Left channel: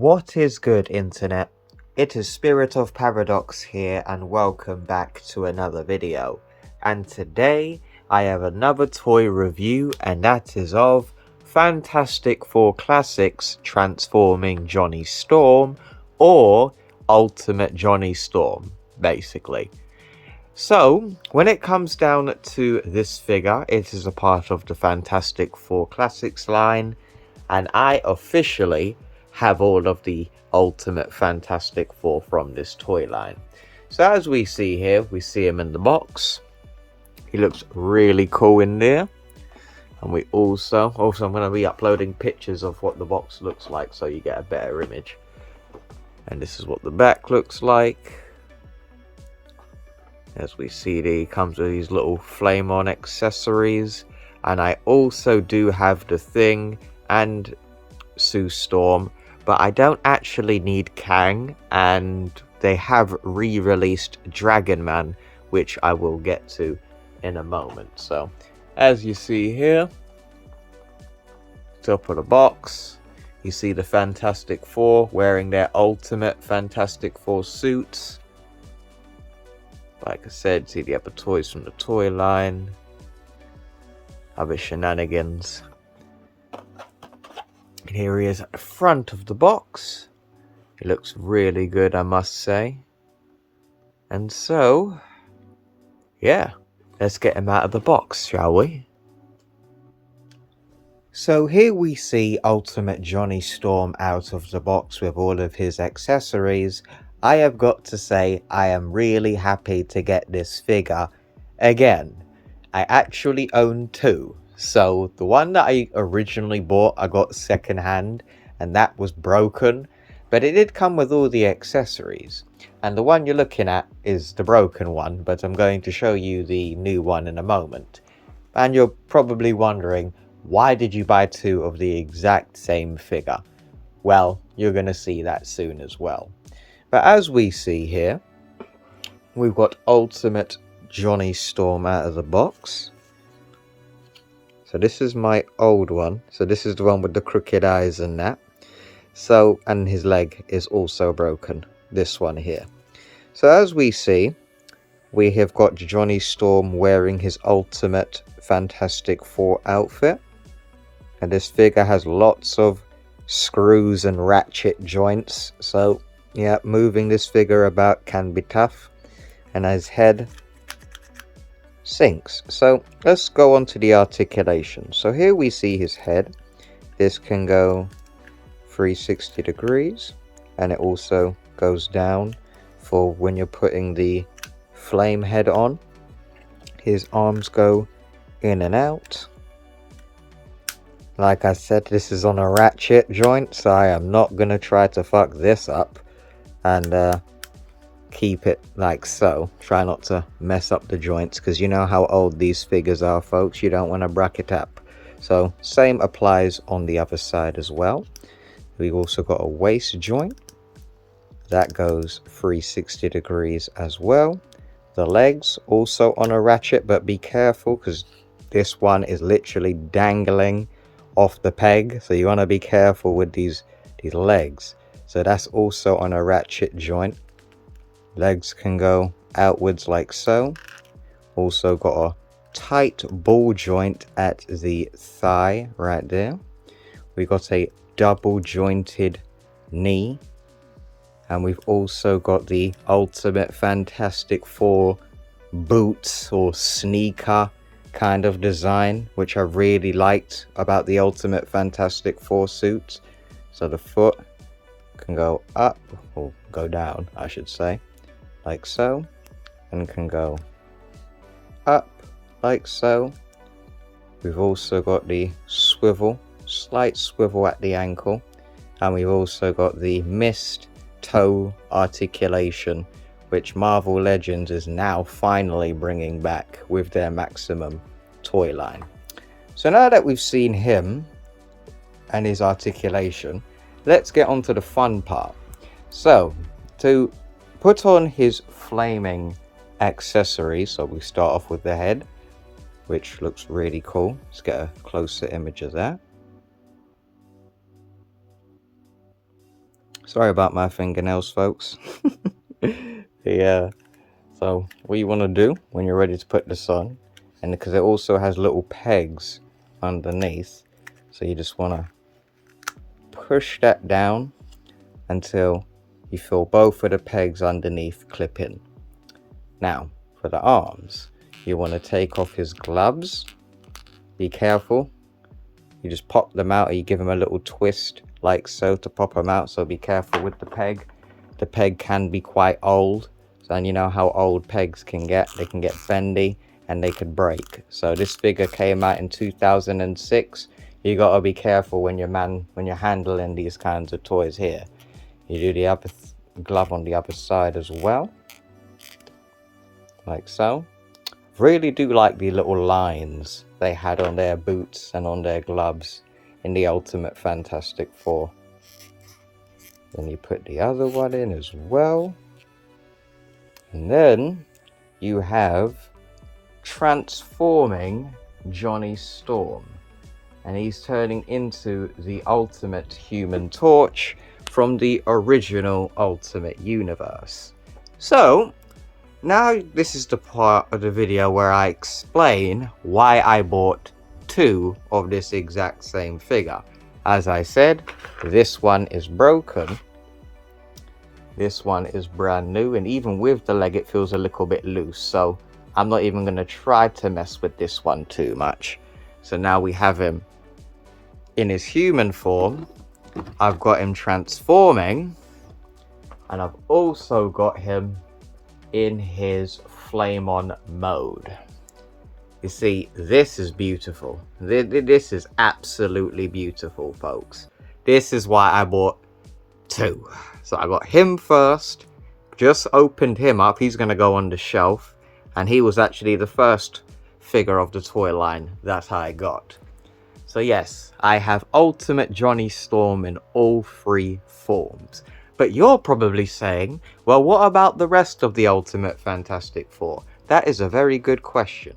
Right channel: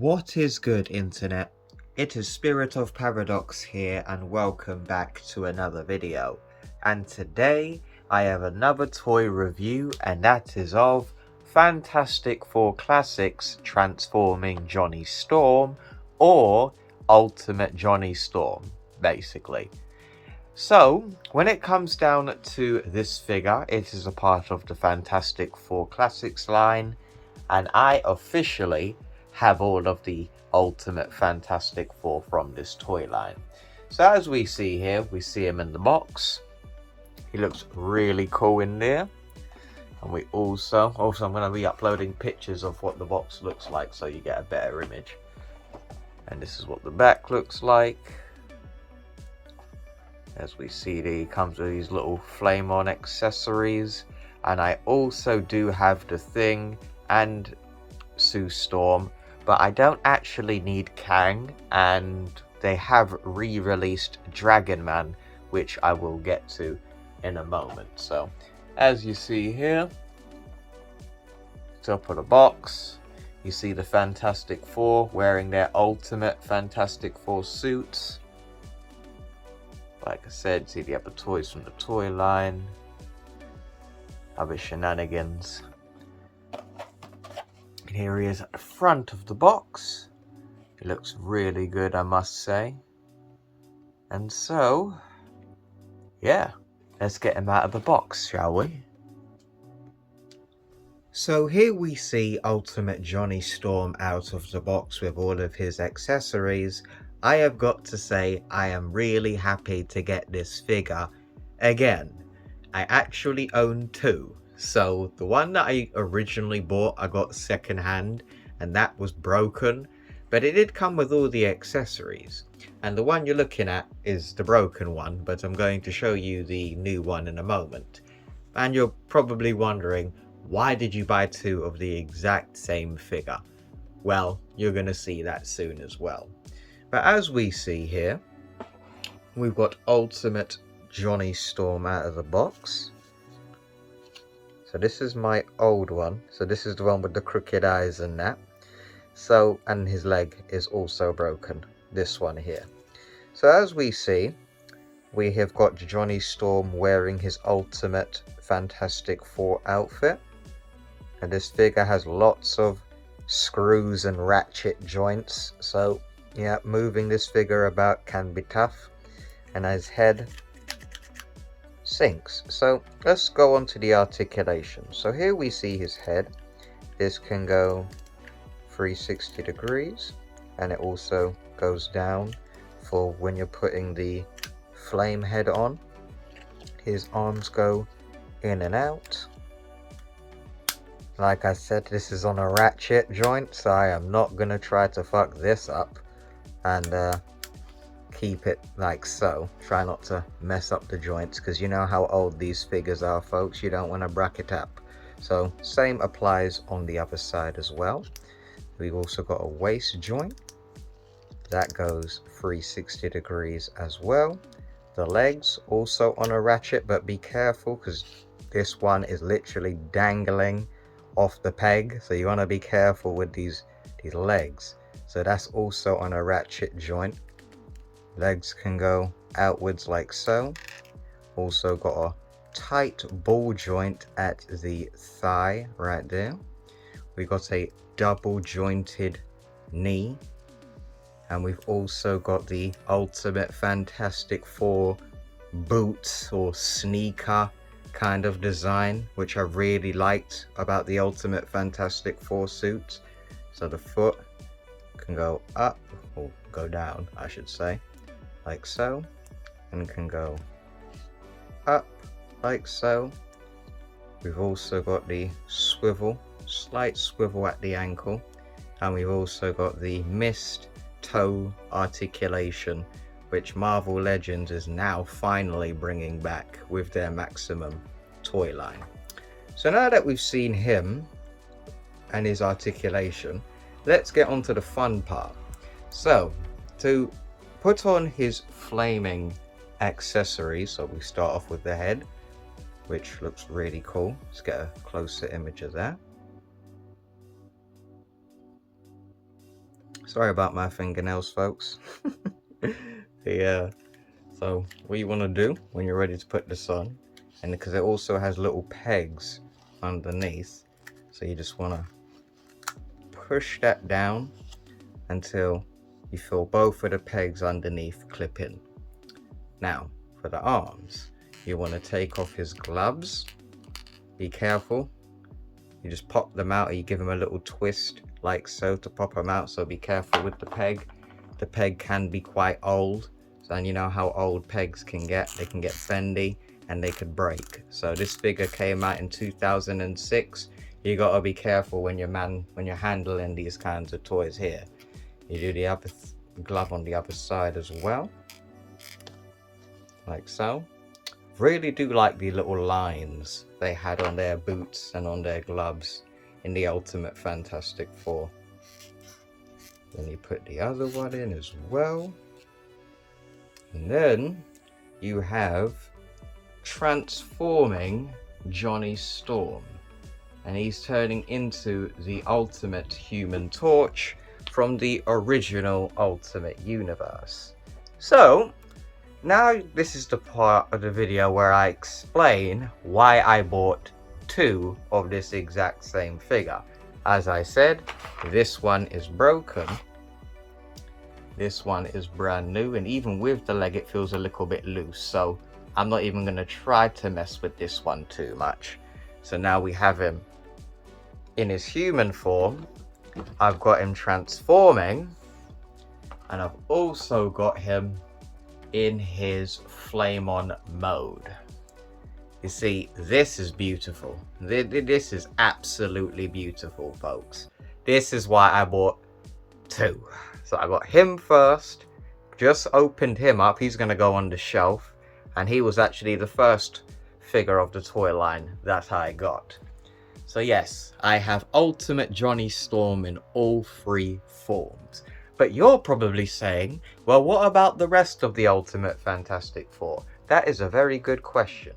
What is good, internet? It is Spirit of Paradox here, and welcome back to another video. And today I have another toy review, and that is of Fantastic Four Classics Transforming Johnny Storm, or Ultimate Johnny Storm, basically. So, when it comes down to this figure, it is a part of the Fantastic Four Classics line, and I officially have all of the Ultimate Fantastic Four from this toy line. So as we see here, we see him in the box. He looks really cool in there. And we also I'm going to be uploading pictures of what the box looks like so you get a better image. And this is what the back looks like. As we see, he comes with these little flame on accessories. And I also do have the Thing and Sue Storm, but I don't actually need Kang, and they have re-released Dragon Man, which I will get to in a moment. So as you see here, top of the box, you see the Fantastic Four wearing their ultimate Fantastic Four suits. Like I said, see the other toys from the toy line, other shenanigans. And here he is at the front of the box. It looks really good, I must say. And so, yeah, let's get him out of the box, shall we? So here we see Ultimate Johnny Storm out of the box with all of his accessories. I have got to say, I am really happy to get this figure. Again, I actually own two. So the one that I originally bought, I got secondhand, and that was broken. But it did come with all the accessories. And the one you're looking at is the broken one, but I'm going to show you the new one in a moment. And you're probably wondering, why did you buy two of the exact same figure? Well, you're going to see that soon as well. But as we see here, we've got Ultimate Johnny Storm out of the box. So this is my old one. So this is the one with the crooked eyes and that. So, and his leg is also broken. This one here. So as we see, we have got Johnny Storm wearing his Ultimate Fantastic Four outfit. And this figure has lots of screws and ratchet joints. So yeah, moving this figure about can be tough. And his head sinks. So let's go on to the articulation. So here we see his head. This can go 360 degrees, and it also goes down for when you're putting the flame head on. His arms go in and out. Like I said, this is on a ratchet joint, so I am not gonna try to fuck this up and keep it like so. Try not to mess up the joints, because you know how old these figures are, folks. You don't want to bracket up. So same applies on the other side as well. We've also got a waist joint that goes 360 degrees as well. The legs also on a ratchet, but be careful because this one is literally dangling off the peg, so you want to be careful with these legs. So that's also on a ratchet joint. Legs can go outwards like so. Also got a tight ball joint at the thigh right there. We got a double jointed knee, and we've also got the Ultimate Fantastic Four boots or sneaker kind of design, which I really liked about the Ultimate Fantastic Four suits. So the foot can go up, or go down I should say, like so, and can go up like so. We've also got the swivel, slight swivel at the ankle, and we've also got the missed toe articulation, which Marvel Legends is now finally bringing back with their Maximum toy line. So now that we've seen him and his articulation, let's get on to the fun part. So to put on his flaming accessories, so we start off with the head, which looks really cool. Let's get a closer image of that. Sorry about my fingernails, folks. Yeah. So what you want to do when you're ready to put this on, and because it also has little pegs underneath, so you just want to push that down until you feel both of the pegs underneath clip in. Now for the arms, you want to take off his gloves. Be careful, you just pop them out, or you give them a little twist like so to pop them out, so be careful with the peg. The peg can be quite old, and you know how old pegs can get. They can get bendy and they could break. So this figure came out in 2006. You gotta be careful when you're handling these kinds of toys here. You do the other glove on the other side as well, like so. Really do like the little lines they had on their boots and on their gloves in the Ultimate Fantastic Four. Then you put the other one in as well. And then you have transforming Johnny Storm. And he's turning into the Ultimate Human Torch from the original Ultimate Universe. So, now this is the part of the video where I explain why I bought two of this exact same figure. As I said, this one is broken. This one is brand new, and even with the leg it feels a little bit loose, so I'm not even going to try to mess with this one too much. So now we have him in his human form. I've got him transforming, and I've also got him in his flame on mode. You see, this is beautiful. This is absolutely beautiful, folks. This is why I bought two. So I got him first, just opened him up. He's going to go on the shelf, and he was actually the first figure of the toy line that I got. So yes, I have Ultimate Johnny Storm in all three forms. But you're probably saying, well, what about the rest of the Ultimate Fantastic Four? That is a very good question.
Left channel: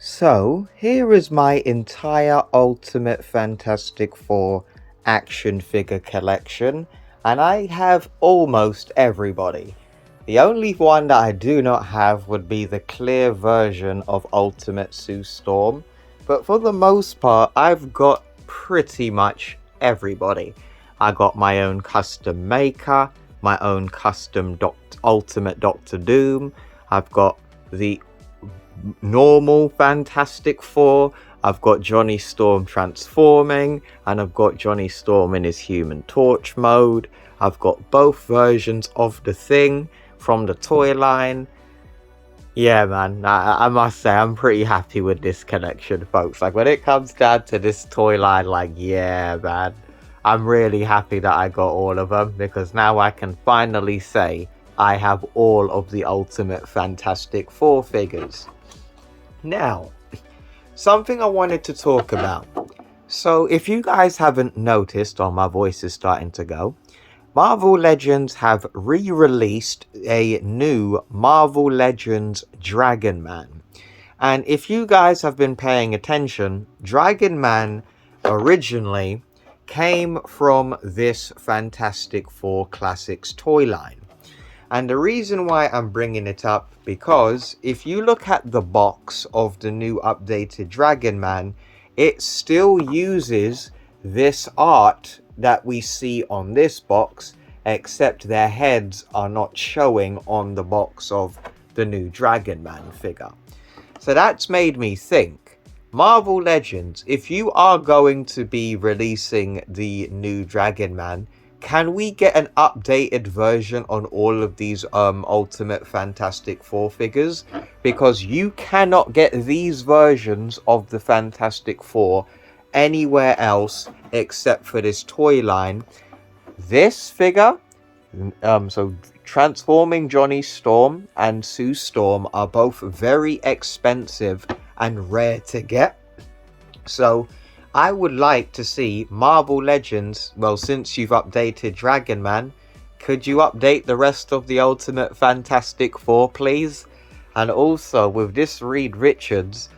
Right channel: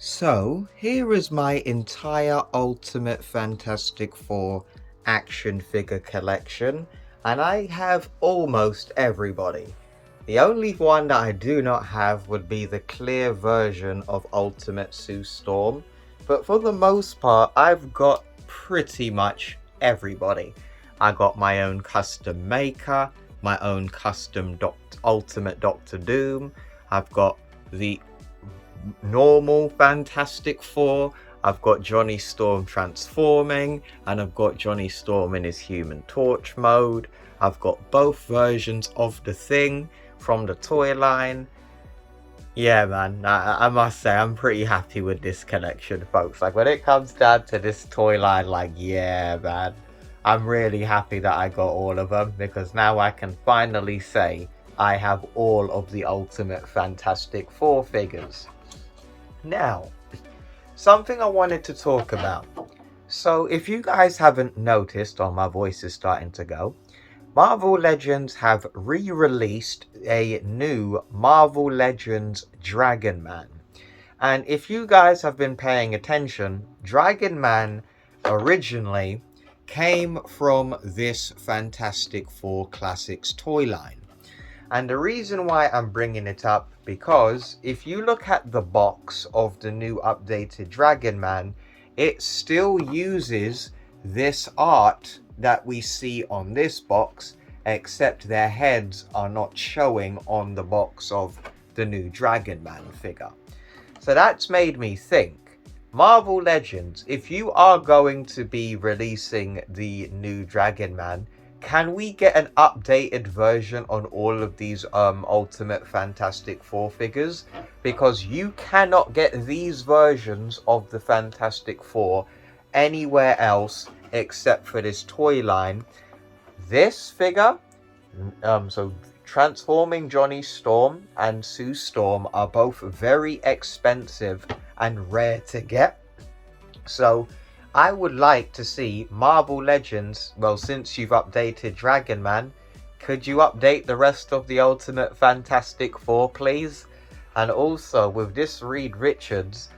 So here is my entire Ultimate Fantastic Four action figure collection, and I have almost everybody. The only one that I do not have would be the clear version of Ultimate Sue Storm, but for the most part I've got pretty much everybody. I got my own custom maker, my own custom Ultimate Doctor Doom. I've got the normal Fantastic Four. I've got Johnny Storm transforming, and I've got Johnny Storm in his Human Torch mode. I've got both versions of the Thing from the toy line. Yeah, man, I must say I'm pretty happy with this collection, folks. Like, when it comes down to this toy line, like, yeah, man, I'm really happy that I got all of them, because now I can finally say I have all of the Ultimate Fantastic Four figures. Now, something I wanted to talk about. So if you guys haven't noticed, or my voice is starting to go, Marvel Legends have re-released a new Marvel Legends Dragon Man. And if you guys have been paying attention, Dragon Man originally came from this Fantastic Four Classics toy line. And the reason why I'm bringing it up, because if you look at the box of the new updated Dragon Man, it still uses this art that we see on this box, except their heads are not showing on the box of the new Dragon Man figure. So that's made me think, Marvel Legends, if you are going to be releasing the new Dragon Man, can we get an updated version on all of these Ultimate Fantastic Four figures? Because you cannot get these versions of the Fantastic Four anywhere else except for this toy line. This figure, so transforming Johnny Storm and Sue Storm, are both very expensive and rare to get. So I would like to see Marvel Legends, well, since you've updated Dragon Man, could you update the rest of the Ultimate Fantastic Four, please? And also with this Reed Richards,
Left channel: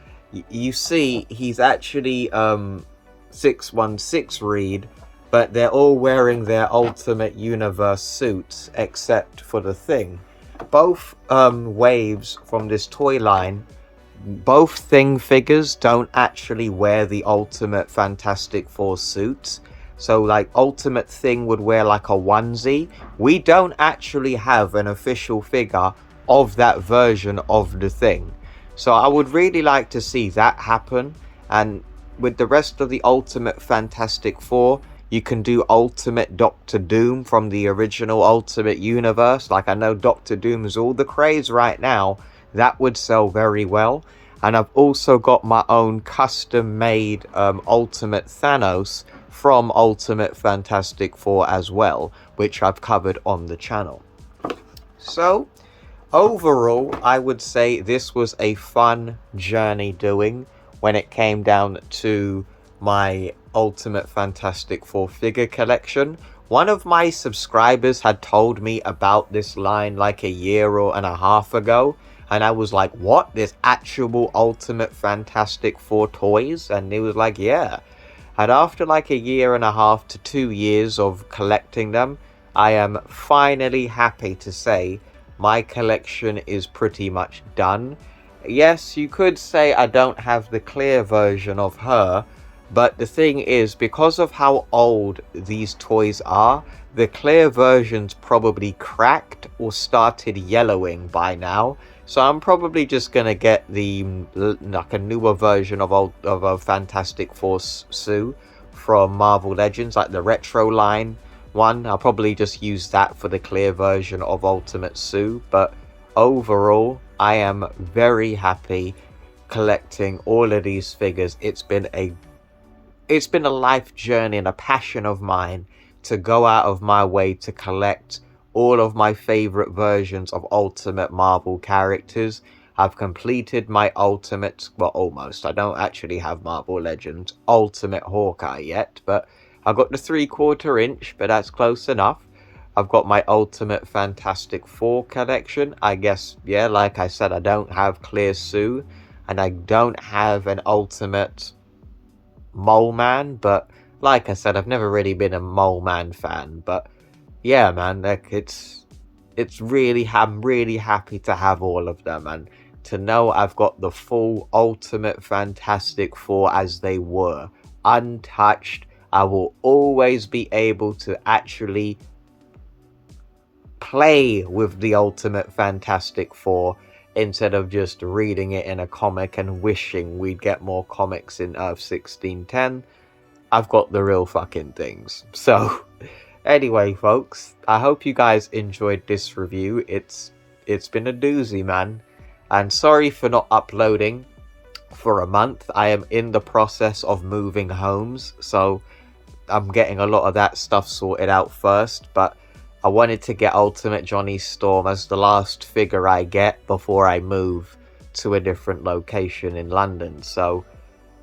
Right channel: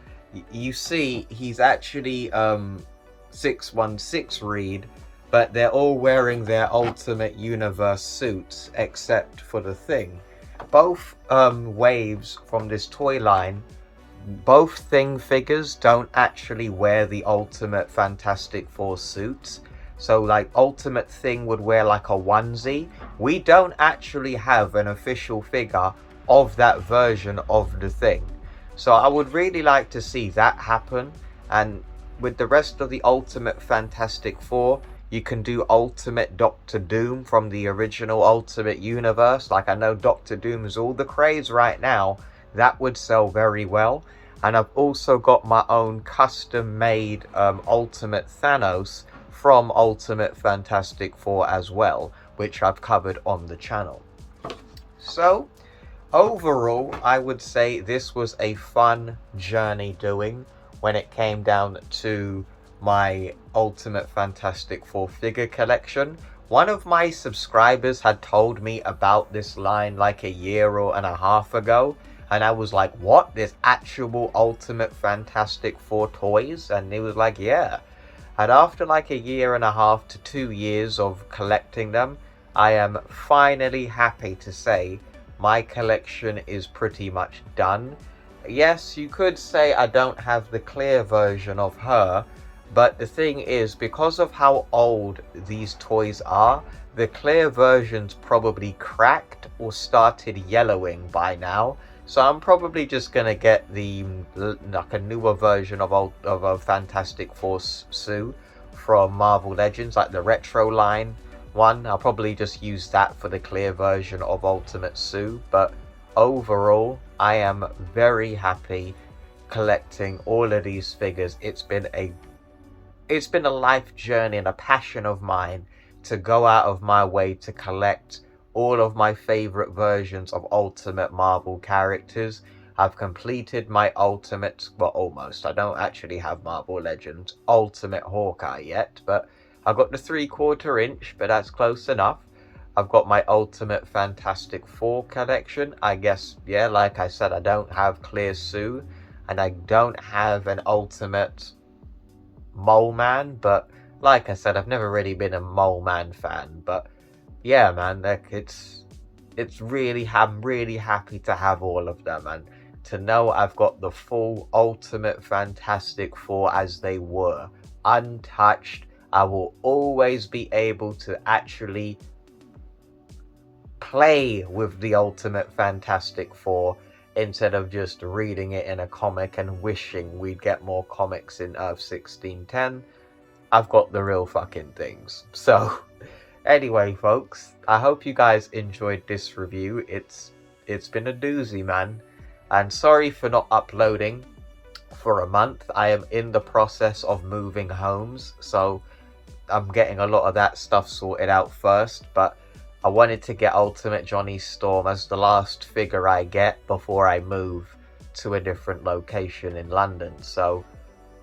you see he's actually 616 Reed, but they're all wearing their Ultimate Universe suits except for the Thing. Both waves from this toy line, both Thing figures don't actually wear the Ultimate Fantastic Four suits. So like Ultimate Thing would wear like a onesie. We don't actually have an official figure of that version of the Thing. So I would really like to see that happen. And with the rest of the Ultimate Fantastic Four, you can do Ultimate Doctor Doom from the original Ultimate Universe. Like, I know Doctor Doom is all the craze right now. That would sell very well. And I've also got my own custom made Ultimate Thanos from Ultimate Fantastic Four as well, which I've covered on the channel. So overall, I would say this was a fun journey doing when it came down to my Ultimate Fantastic Four figure collection. One of my subscribers had told me about this line like a year and a half ago, and I was like, what? There's actual Ultimate Fantastic Four toys? And he was like, yeah. And after like a year and a half to 2 years of collecting them, I am finally happy to say my collection is pretty much done. Yes, you could say I don't have the clear version of her, but the thing is, because of how old these toys are, the clear version's probably cracked or started yellowing by now. So I'm probably just gonna get the like a newer version of a Fantastic Four Sue from Marvel Legends, like the retro line one. I'll probably just use that for the clear version of Ultimate Sue. But overall, I am very happy collecting all of these figures. It's been a life journey and a passion of mine to go out of my way to collect all of my favorite versions of Ultimate Marvel characters. I've completed my Ultimate, well, almost. I don't actually have Marvel Legends Ultimate Hawkeye yet, but I've got the 3/4 inch, but that's close enough. I've got my Ultimate Fantastic Four collection. I guess, yeah, like I said, I don't have Clear Sue, and I don't have an Ultimate Mole Man, but like I said, I've never really been a Mole Man fan. But yeah, man, like it's really, I'm really happy to have all of them, and to know I've got the full Ultimate Fantastic Four as they were, untouched. I will always be able to actually play with the Ultimate Fantastic Four instead of just reading it in a comic and wishing we'd get more comics in Earth 1610. I've got the real fucking things. So anyway, folks, I hope you guys enjoyed this review. It's been a doozy, man. And sorry for not uploading for a month. I am in the process of moving homes, so I'm getting a lot of that stuff sorted out first. But I wanted to get Ultimate Johnny Storm as the last figure I get before I move to a different location in London. So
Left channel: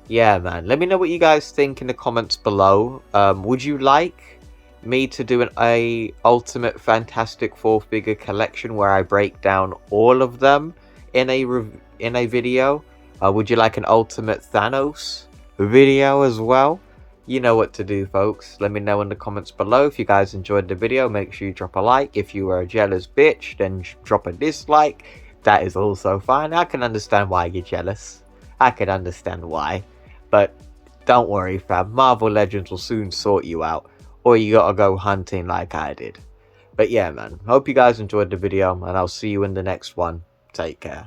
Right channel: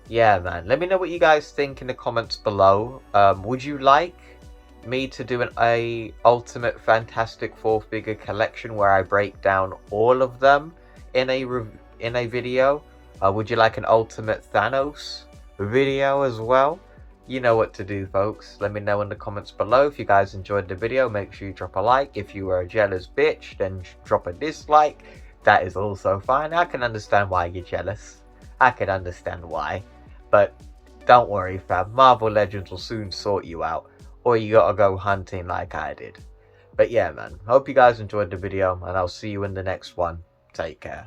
yeah, man, let me know what you guys think in the comments below. Would you like me to do a Ultimate Fantastic Four figure collection where I break down all of them in a video? Would you like an Ultimate Thanos video as well? You know what to do, folks. Let me know in the comments below. If you guys enjoyed the video, make sure you drop a like. If you were a jealous bitch, then drop a dislike. That is also fine. I can understand why you're jealous. I can understand why. But don't worry, fam. Marvel Legends will soon sort you out. Or you gotta go hunting like I did. But yeah, man. Hope you guys enjoyed the video, and I'll see you in the next one. Take care.